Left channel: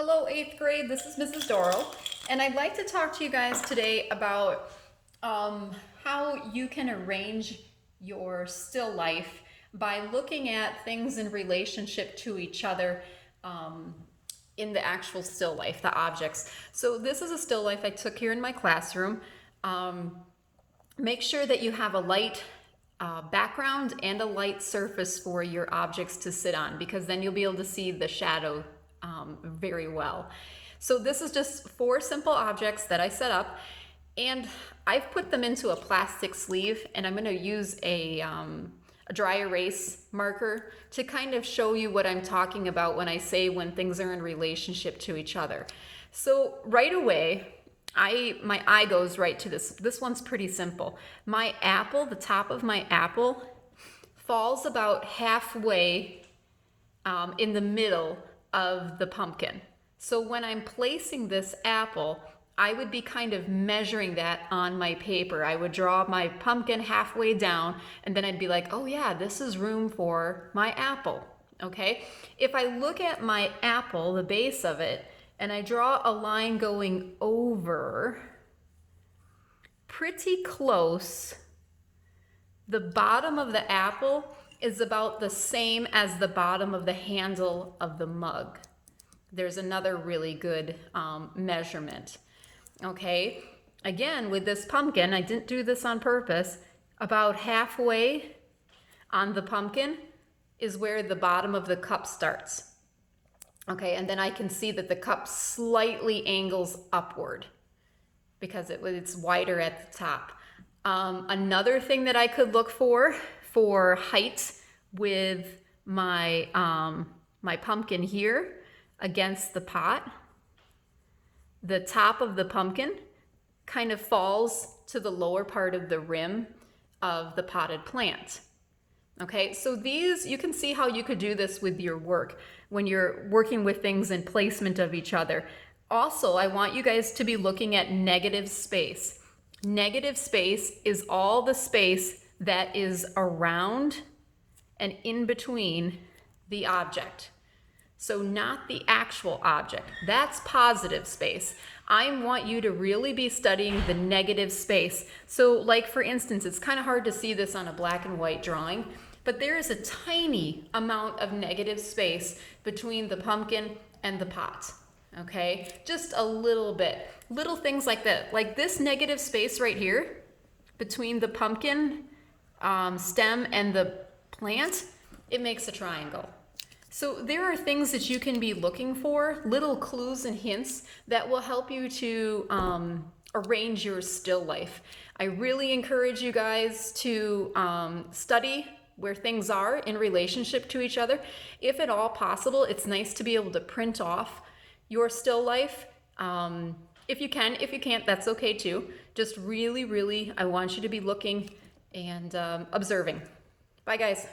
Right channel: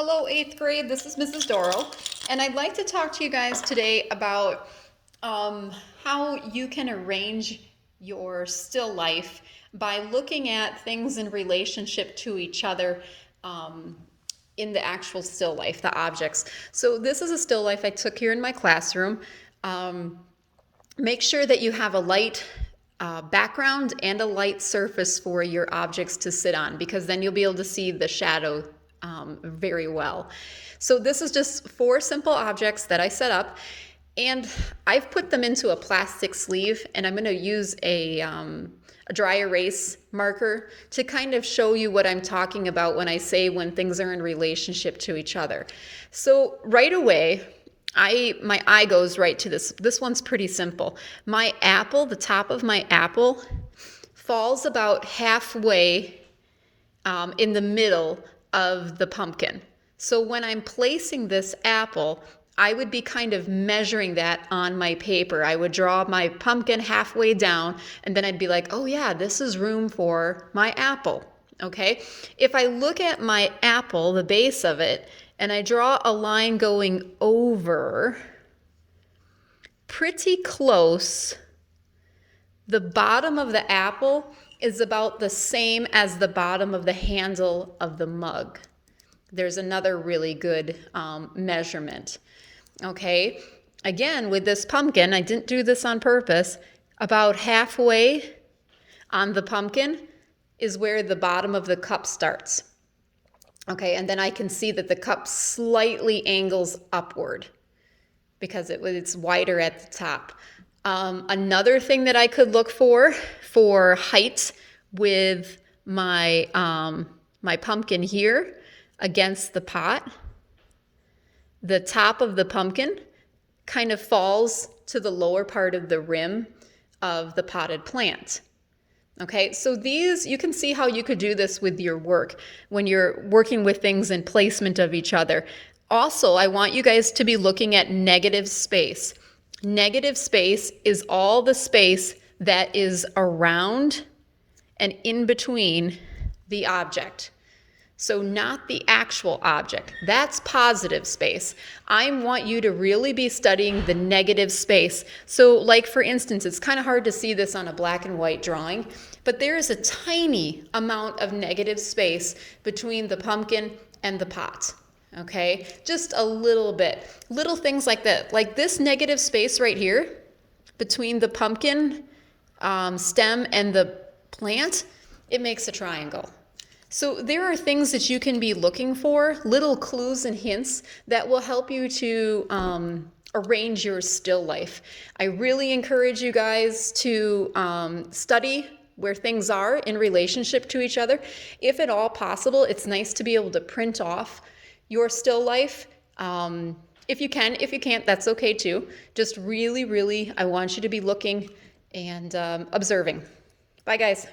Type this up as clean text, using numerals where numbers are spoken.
Hello, 8th grade. This is Mrs. Doro, and I'd like to talk to you guys today about how you can arrange your still life by looking at things in relationship to each other in the actual still life, the objects. So this is a still life I took here in my classroom. Make sure that you have a light background and a light surface for your objects to sit on, because then you'll be able to see the shadow very well. So this is just 4 simple objects that I set up, and I've put them into a plastic sleeve, and I'm going to use a dry erase marker to kind of show you what I'm talking about when I say when things are in relationship to each other. So right away, my eye goes right to this. This one's pretty simple. My apple, the top of my apple, falls about halfway in the middle of the pumpkin. So when I'm placing this apple, I would be kind of measuring that on my paper. I would draw my pumpkin halfway down, and then I'd be like, oh yeah, this is room for my apple. Okay? If I look at my apple, the base of it, and I draw a line going over pretty close, the bottom of the apple is about the same as the bottom of the handle of the mug. There's another really good measurement. Okay, again, with this pumpkin, I didn't do this on purpose, about halfway on the pumpkin is where the bottom of the cup starts. Okay, and then I can see that the cup slightly angles upward because it's wider at the top. Another thing that I could look for height with my my pumpkin here against the pot, the top of the pumpkin kind of falls to the lower part of the rim of the potted plant. Okay, so these, you can see how you could do this with your work when you're working with things in placement of each other. Also, I want you guys to be looking at negative space. Negative space is all the space that is around and in between the object. So not the actual object. That's positive space. I want you to really be studying the negative space. So like for instance, it's kind of hard to see this on a black and white drawing, but there is a tiny amount of negative space between the pumpkin and the pot. Okay, just a little bit. Little things like that. Like this negative space right here between the pumpkin stem and the plant, it makes a triangle. So there are things that you can be looking for, little clues and hints that will help you to arrange your still life. I really encourage you guys to study where things are in relationship to each other. If at all possible, it's nice to be able to print off your still life. If you can, if you can't, that's okay too. Just really, I want you to be looking and observing. Bye guys.